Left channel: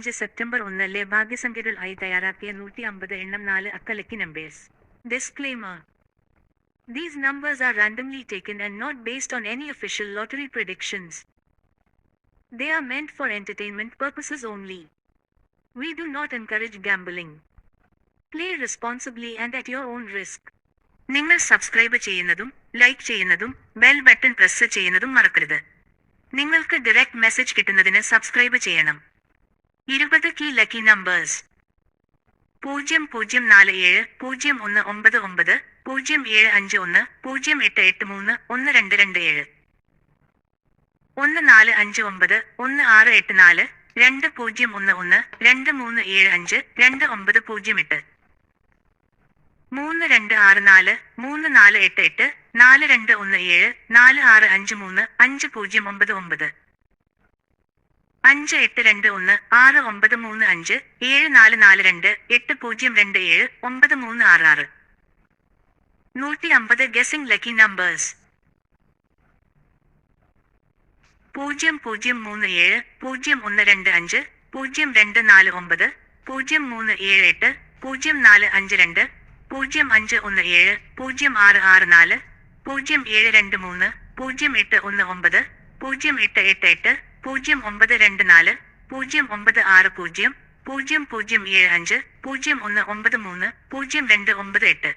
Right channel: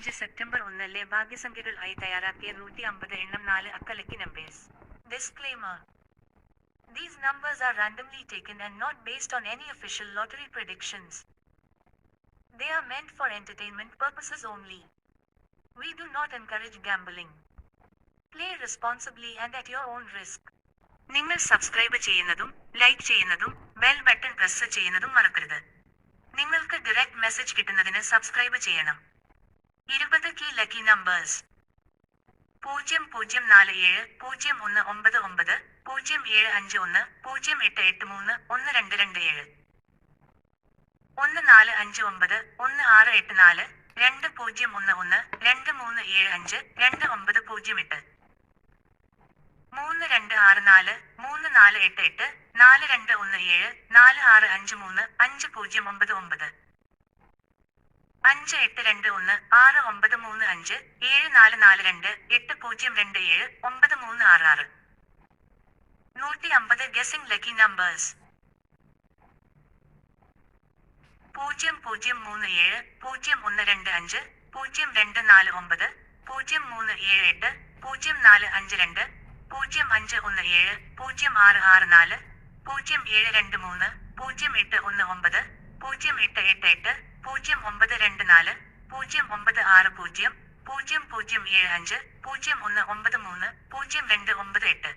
ഇരുപത്തിയഞ്ച് സെപ്റ്റംബർ ഒന്നിലെ ഭാഗ്യസംഖ്യകൾ ആയി തയ്യാറാക്കിയ നൂറ്റി അമ്പത് എണ്ണം നാല് അക്ക lucky numbers disclaimer These numbers are randomly taken and not based on any official lottery predictions. They are meant for entertainment purposes only. We do not encourage gambling. Play responsibly and at your own risk. നിങ്ങൾ subscribe ചെയ്യുന്നതും like ചെയ്യുന്നതും bell button press ചെയ്യുന്നതും മറക്കരുത് നിങ്ങൾക്ക് direct message കിട്ടുന്നതിന് subscribe ചെയ്യണം ഇരുപത് key lucky numbers പൂജ്യം പൂജ്യം നാല് ഏഴ് പൂജ്യം ഒന്ന് ഒമ്പത് ഒമ്പത് പൂജ്യം ഏഴ് അഞ്ച് ഒന്ന് പൂജ്യം എട്ട് എട്ട് മൂന്ന് ഒന്ന് രണ്ട് രണ്ട് ഏഴ്. ഒന്ന് നാല് അഞ്ച് ഒമ്പത് ഒന്ന് ആറ് എട്ട് നാല് രണ്ട് പൂജ്യം ഒന്ന് ഒന്ന് രണ്ട് മൂന്ന് ഏഴ് അഞ്ച് രണ്ട് ഒമ്പത് പൂജ്യം എട്ട്. മൂന്ന് രണ്ട് ആറ് നാല് മൂന്ന് നാല് എട്ട് എട്ട് നാല് രണ്ട് ഒന്ന് ഏഴ് നാല് ആറ് അഞ്ച് മൂന്ന് അഞ്ച് പൂജ്യം ഒമ്പത് ഒമ്പത്. അഞ്ച് എട്ട് രണ്ട് ഒന്ന് ആറ് ഒമ്പത് മൂന്ന് അഞ്ച് ഏഴ് നാല് നാല് രണ്ട് എട്ട് പൂജ്യം രണ്ട് ഏഴ് ഒമ്പത് മൂന്ന് ആറ് ആറ് നൂറ്റി അമ്പത് ഗസിംഗ് ലക്കി നമ്പേഴ്സ് പൂജ്യം പൂജ്യം മൂന്ന് ഏഴ് പൂജ്യം ഒന്ന് രണ്ട് അഞ്ച് പൂജ്യം രണ്ട് നാല് ഒമ്പത് പൂജ്യം മൂന്ന് ഏഴ് എട്ട് പൂജ്യം നാല് അഞ്ച് രണ്ട് പൂജ്യം അഞ്ച് ഒന്ന് ഏഴ് പൂജ്യം ആറ് ആറ് നാല് പൂജ്യം ഏഴ് രണ്ട് മൂന്ന് പൂജ്യം എട്ട് ഒന്ന് ഒമ്പത് പൂജ്യം എട്ട് എട്ട് എട്ട് പൂജ്യം ഒമ്പത് രണ്ട് നാല് പൂജ്യം ഒമ്പത് ആറ് പൂജ്യം പൂജ്യം പൂജ്യം ഏഴ് അഞ്ച് പൂജ്യം ഒന്ന് ഒമ്പത് മൂന്ന് പൂജ്യം രണ്ട് ഒമ്പത് എട്ട്.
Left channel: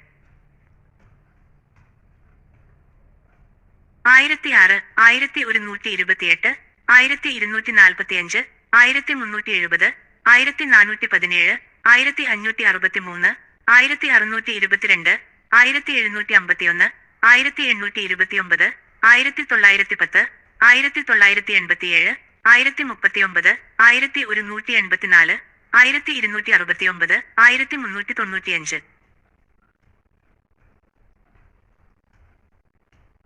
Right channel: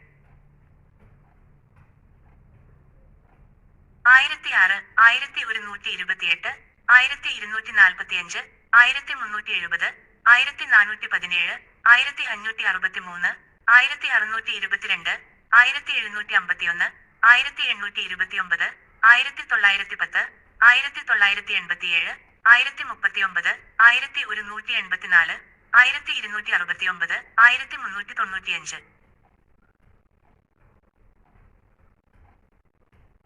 ആയിരത്തി ആറ് ആയിരത്തി ഒരുന്നൂറ്റി ഇരുപത്തിയെട്ട് ആയിരത്തി ഇരുന്നൂറ്റി നാൽപ്പത്തി അഞ്ച് ആയിരത്തി മുന്നൂറ്റി എഴുപത് ആയിരത്തി നാനൂറ്റി പതിനേഴ് ആയിരത്തി അഞ്ഞൂറ്റി അറുപത്തി മൂന്ന് ആയിരത്തി അറുന്നൂറ്റി ഇരുപത്തിരണ്ട് ആയിരത്തി എഴുന്നൂറ്റി അമ്പത്തിയൊന്ന് ആയിരത്തി എണ്ണൂറ്റി ഇരുപത്തിയൊമ്പത് ആയിരത്തി തൊള്ളായിരത്തി പത്ത് ആയിരത്തി തൊള്ളായിരത്തി എൺപത്തിയേഴ് ആയിരത്തി മുപ്പത്തിയൊമ്പത് ആയിരത്തി ഒരുന്നൂറ്റി എൺപത്തിനാല് ആയിരത്തി ഇരുന്നൂറ്റി അറുപത്തിയൊമ്പത് ആയിരത്തി മുന്നൂറ്റി തൊണ്ണൂറ്റിയഞ്ച്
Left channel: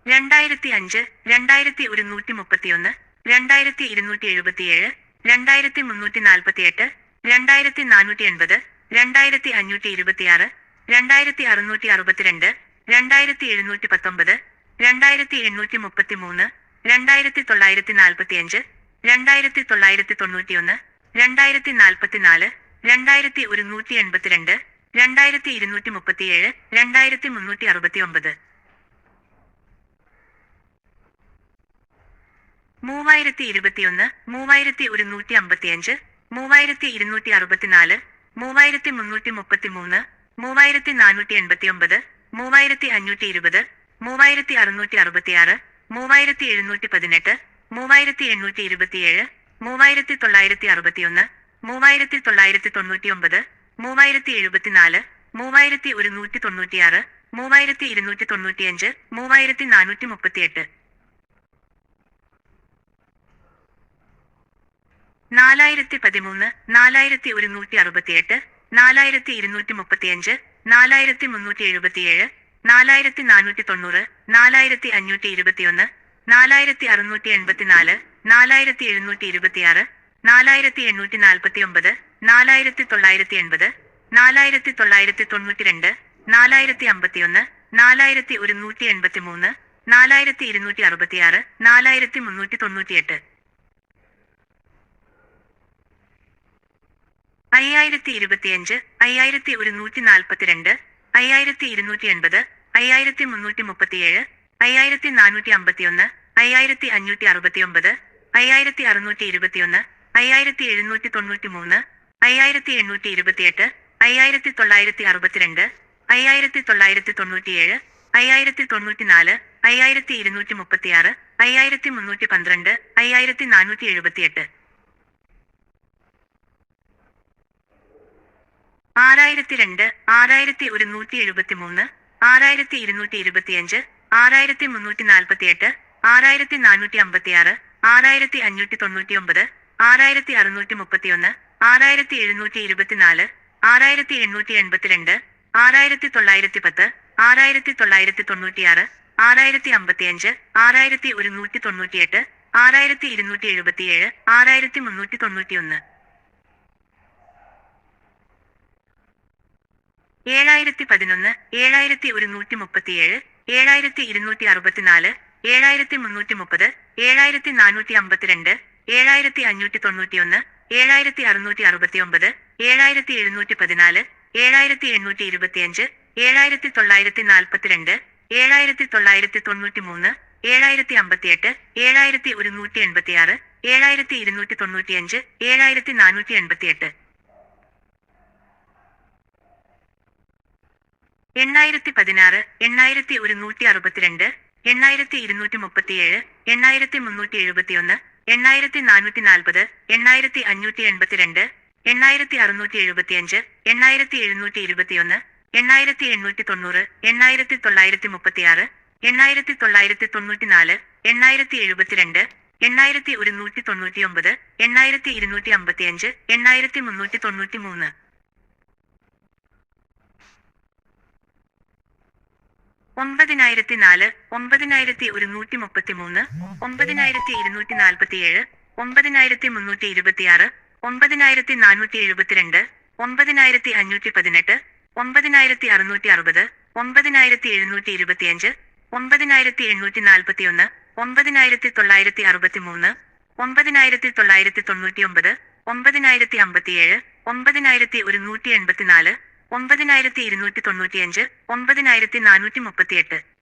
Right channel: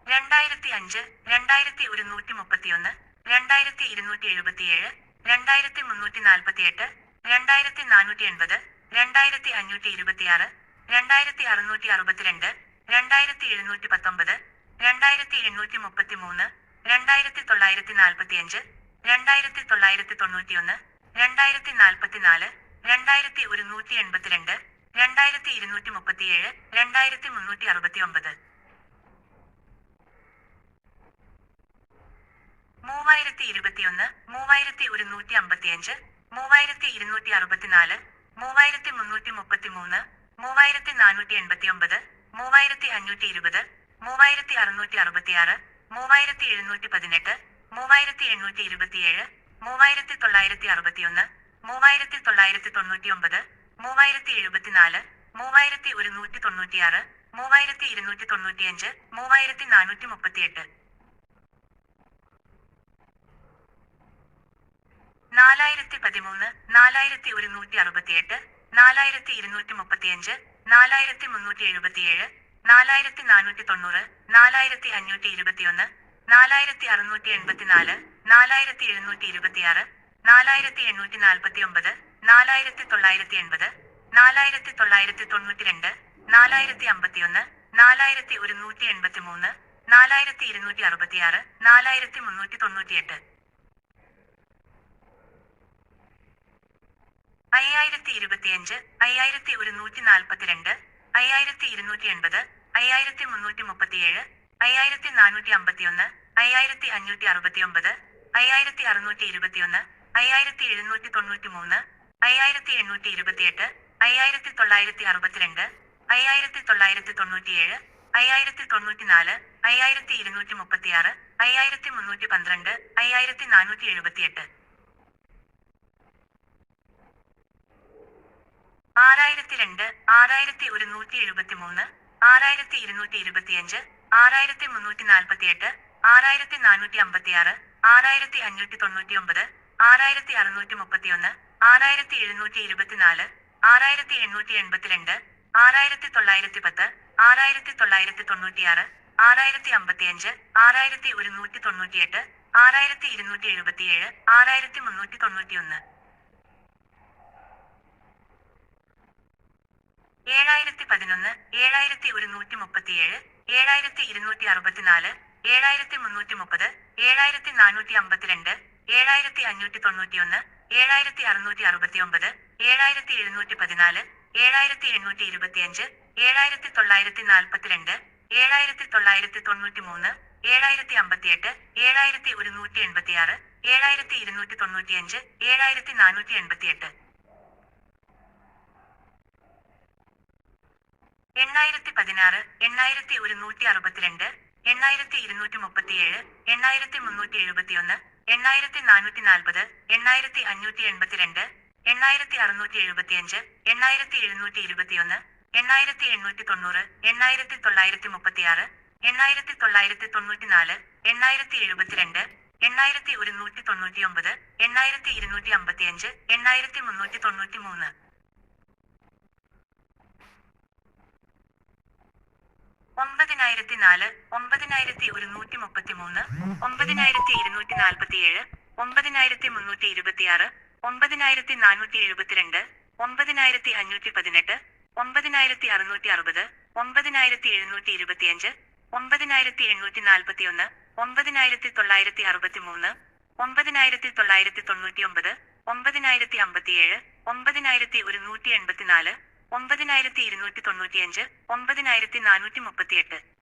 രണ്ടായിരത്തി അഞ്ച് രണ്ടായിരത്തി ഒരുന്നൂറ്റി മുപ്പത്തിയൊന്ന് രണ്ടായിരത്തി ഇരുന്നൂറ്റി എഴുപത്തിയേഴ് രണ്ടായിരത്തി മുന്നൂറ്റി നാൽപ്പത്തിയെട്ട് രണ്ടായിരത്തി നാനൂറ്റി എൺപത് രണ്ടായിരത്തി അഞ്ഞൂറ്റി ഇരുപത്തിയാറ് രണ്ടായിരത്തി അറുന്നൂറ്റി അറുപത്തിരണ്ട് രണ്ടായിരത്തി എഴുന്നൂറ്റി പത്തൊമ്പത് രണ്ടായിരത്തി എണ്ണൂറ്റി മുപ്പത്തി മൂന്ന് രണ്ടായിരത്തി തൊള്ളായിരത്തി നാൽപ്പത്തിയഞ്ച് രണ്ടായിരത്തി തൊള്ളായിരത്തി തൊണ്ണൂറ്റിയൊന്ന് രണ്ടായിരത്തി നാൽപ്പത്തിനാല് രണ്ടായിരത്തി ഒരുന്നൂറ്റി എൺപത്തിരണ്ട് രണ്ടായിരത്തി ഇരുന്നൂറ്റി മുപ്പത്തിയേഴ് രണ്ടായിരത്തി മുന്നൂറ്റി അറുപത്തി ഒമ്പത് മൂവായിരത്തി ഇരുപത്തിയൊന്ന് മൂവായിരത്തി ഒരുന്നൂറ്റി അമ്പത്തിയഞ്ച് മൂവായിരത്തി ഇരുന്നൂറ്റി അറുപത്തിനാല് മൂവായിരത്തി മുന്നൂറ്റി മുപ്പത്തി മൂന്ന് മൂവായിരത്തി നാനൂറ്റി എൺപത്തിയൊമ്പത് മൂവായിരത്തി അഞ്ഞൂറ്റി ഇരുപത് മൂവായിരത്തി അറുന്നൂറ്റി അറുപത്തിയാറ് മൂവായിരത്തി എഴുന്നൂറ്റി പതിനെട്ട് മൂവായിരത്തി എണ്ണൂറ്റി ഇരുപത്തിയേഴ് മൂവായിരത്തി തൊള്ളായിരത്തി അറുപത്തിയൊന്ന് മൂവായിരത്തി തൊള്ളായിരത്തി തൊണ്ണൂറ്റിയൊമ്പത് മൂവായിരത്തി എഴുപത്തിനാല് മൂവായിരത്തി ഒരുന്നൂറ്റി തൊണ്ണൂറ്റിയാറ് മൂവായിരത്തി ഇരുന്നൂറ്റി തൊണ്ണൂറ്റിയഞ്ച് മൂവായിരത്തി നാനൂറ്റി മുപ്പത്തിയെട്ട് നാലായിരത്തി പതിമൂന്ന് നാലായിരത്തി ഒരുന്നൂറ്റി അറുപത്തിയെട്ട് നാലായിരത്തി ഇരുന്നൂറ്റി മുപ്പത്തിയഞ്ച് നാലായിരത്തി മുന്നൂറ്റി എഴുപത്തിയേഴ് നാലായിരത്തി നാനൂറ്റി തൊണ്ണൂറ് നാലായിരത്തി അഞ്ഞൂറ്റി ഇരുപത്തിയൊന്ന് നാലായിരത്തി അറുന്നൂറ്റി എൺപത്തിനാല് നാലായിരത്തി എഴുന്നൂറ്റി ഇരുപത്തിയാറ് നാലായിരത്തി എണ്ണൂറ്റി നാൽപ്പത്തി ഒമ്പത് നാലായിരത്തി തൊള്ളായിരത്തി എൺപത് നാലായിരത്തി തൊള്ളായിരത്തി തൊണ്ണൂറ്റി രണ്ട് നാലായിരത്തി അമ്പത്തിയൊന്ന് നാലായിരത്തി ഒരുന്നൂറ്റി എൺപത്തി മൂന്ന് നാലായിരത്തി ഇരുന്നൂറ്റി അറുപത്തിയാറ് നാലായിരത്തി മുന്നൂറ്റി തൊണ്ണൂറ്റിയെട്ട് അയ്യായിരത്തി ഇരുപത്തിയഞ്ച് അയ്യായിരത്തി ഒരുന്നൂറ്റി നാൽപ്പത്തിരണ്ട് അയ്യായിരത്തി ഇരുന്നൂറ്റി എൺപത് അയ്യായിരത്തി മുന്നൂറ്റി മുപ്പത്തിയേഴ് അയ്യായിരത്തി നാനൂറ്റി അമ്പത്തിയൊന്ന് അയ്യായിരത്തി അഞ്ഞൂറ്റി അറുപത്തിയൊമ്പത് അയ്യായിരത്തി അറുന്നൂറ്റി ഇരുപത്തിയൊന്ന് അയ്യായിരത്തി എഴുന്നൂറ്റി തൊണ്ണൂറ്റി മൂന്ന് അയ്യായിരത്തി എണ്ണൂറ്റി ഇരുപത്തിയെട്ട് അയ്യായിരത്തി തൊള്ളായിരത്തി അറുപത്തിരണ്ട് അയ്യായിരത്തി തൊള്ളായിരത്തി തൊണ്ണൂറ്റിയേഴ് അയ്യായിരത്തി തൊണ്ണൂറ്റിനാല് അയ്യായിരത്തി ഇരുന്നൂറ്റി മുപ്പത്തിയാറ് അയ്യായിരത്തി മുന്നൂറ്റി പന്ത്രണ്ട് അയ്യായിരത്തി നാനൂറ്റി എഴുപത്തിയെട്ട് ആറായിരത്തി രണ്ട് ആറായിരത്തി ഒരുന്നൂറ്റി എഴുപത്തി മൂന്ന് ആറായിരത്തി ഇരുന്നൂറ്റി ഇരുപത്തിയഞ്ച് ആറായിരത്തി മുന്നൂറ്റി നാൽപ്പത്തിയെട്ട് ആറായിരത്തി നാനൂറ്റി അമ്പത്തിയാറ് ആറായിരത്തി അഞ്ഞൂറ്റി തൊണ്ണൂറ്റി ഒമ്പത് ആറായിരത്തി അറുന്നൂറ്റി മുപ്പത്തിയൊന്ന് ആറായിരത്തി എഴുന്നൂറ്റി ഇരുപത്തിനാല് ആറായിരത്തി എണ്ണൂറ്റി എൺപത്തിരണ്ട് ആറായിരത്തി തൊള്ളായിരത്തി പത്ത് ആറായിരത്തി തൊള്ളായിരത്തി തൊണ്ണൂറ്റിയാറ് ആറായിരത്തി അമ്പത്തിയഞ്ച് ആറായിരത്തി ഒരുന്നൂറ്റി തൊണ്ണൂറ്റിയെട്ട് ആറായിരത്തി ഇരുന്നൂറ്റി എഴുപത്തിയേഴ് ആറായിരത്തി മുന്നൂറ്റി തൊണ്ണൂറ്റിയൊന്ന് ഏഴായിരത്തി പതിനൊന്ന് ഏഴായിരത്തി ഒരുന്നൂറ്റി മുപ്പത്തിയേഴ് ഏഴായിരത്തി ഇരുന്നൂറ്റി അറുപത്തിനാല് ഏഴായിരത്തി മുന്നൂറ്റി മുപ്പത് ഏഴായിരത്തി നാനൂറ്റി അമ്പത്തിരണ്ട് ഏഴായിരത്തി അഞ്ഞൂറ്റി തൊണ്ണൂറ്റിയൊന്ന് ഏഴായിരത്തി അറുന്നൂറ്റി അറുപത്തി ഒമ്പത് ഏഴായിരത്തി എഴുന്നൂറ്റി പതിനാല് ഏഴായിരത്തി എണ്ണൂറ്റി ഇരുപത്തിയഞ്ച് ഏഴായിരത്തി തൊള്ളായിരത്തി നാൽപ്പത്തിരണ്ട് ഏഴായിരത്തി തൊള്ളായിരത്തി തൊണ്ണൂറ്റി മൂന്ന് ഏഴായിരത്തി അമ്പത്തിയെട്ട് ഏഴായിരത്തി ഒരുന്നൂറ്റി എൺപത്തിയാറ് ഏഴായിരത്തി ഇരുന്നൂറ്റി തൊണ്ണൂറ്റിയഞ്ച് ഏഴായിരത്തി നാനൂറ്റി എൺപത്തിയെട്ട് എണ്ണായിരത്തി പതിനാറ് എണ്ണായിരത്തി ഒരുന്നൂറ്റി അറുപത്തിരണ്ട് എണ്ണായിരത്തി ഇരുന്നൂറ്റി മുപ്പത്തിയേഴ് എണ്ണായിരത്തി മുന്നൂറ്റി എഴുപത്തിയൊന്ന് എണ്ണായിരത്തി നാനൂറ്റി നാൽപ്പത് എണ്ണായിരത്തി അഞ്ഞൂറ്റി എൺപത്തിരണ്ട് എണ്ണായിരത്തി അറുന്നൂറ്റി എഴുപത്തിയഞ്ച് എണ്ണായിരത്തി എഴുന്നൂറ്റി ഇരുപത്തിയൊന്ന് എണ്ണായിരത്തി എണ്ണൂറ്റി തൊണ്ണൂറ് എണ്ണായിരത്തി തൊള്ളായിരത്തി മുപ്പത്തിയാറ് എണ്ണായിരത്തി തൊള്ളായിരത്തി തൊണ്ണൂറ്റിനാല് എണ്ണായിരത്തി എഴുപത്തിരണ്ട് എണ്ണായിരത്തി ഒരുന്നൂറ്റി തൊണ്ണൂറ്റിയൊമ്പത് എണ്ണായിരത്തി ഇരുന്നൂറ്റി അമ്പത്തിയഞ്ച് എണ്ണായിരത്തി മുന്നൂറ്റി തൊണ്ണൂറ്റി മൂന്ന് ഒമ്പതിനായിരത്തി നാല് ഒമ്പതിനായിരത്തി ഒരുന്നൂറ്റി മുപ്പത്തി മൂന്ന് ഒമ്പതിനായിരത്തി ഇരുന്നൂറ്റി നാൽപ്പത്തിയേഴ് ഒമ്പതിനായിരത്തി മുന്നൂറ്റി ഇരുപത്തിയാറ് ഒമ്പതിനായിരത്തി നാനൂറ്റി എഴുപത്തിരണ്ട് ഒമ്പതിനായിരത്തി അഞ്ഞൂറ്റി പതിനെട്ട് ഒമ്പതിനായിരത്തി അറുന്നൂറ്റി അറുപത് ഒമ്പതിനായിരത്തി എഴുന്നൂറ്റി ഇരുപത്തിയഞ്ച് ഒമ്പതിനായിരത്തി എണ്ണൂറ്റി നാൽപ്പത്തിയൊന്ന് ഒമ്പതിനായിരത്തി തൊള്ളായിരത്തി അറുപത്തി മൂന്ന് ഒമ്പതിനായിരത്തി തൊള്ളായിരത്തി തൊണ്ണൂറ്റി ഒമ്പത് ഒമ്പതിനായിരത്തി അമ്പത്തിയേഴ് ഒമ്പതിനായിരത്തി ഒരുന്നൂറ്റി എൺപത്തിനാല് ഒമ്പതിനായിരത്തി ഇരുന്നൂറ്റി തൊണ്ണൂറ്റിയഞ്ച് ഒമ്പതിനായിരത്തി നാനൂറ്റി മുപ്പത്തിയെട്ട്.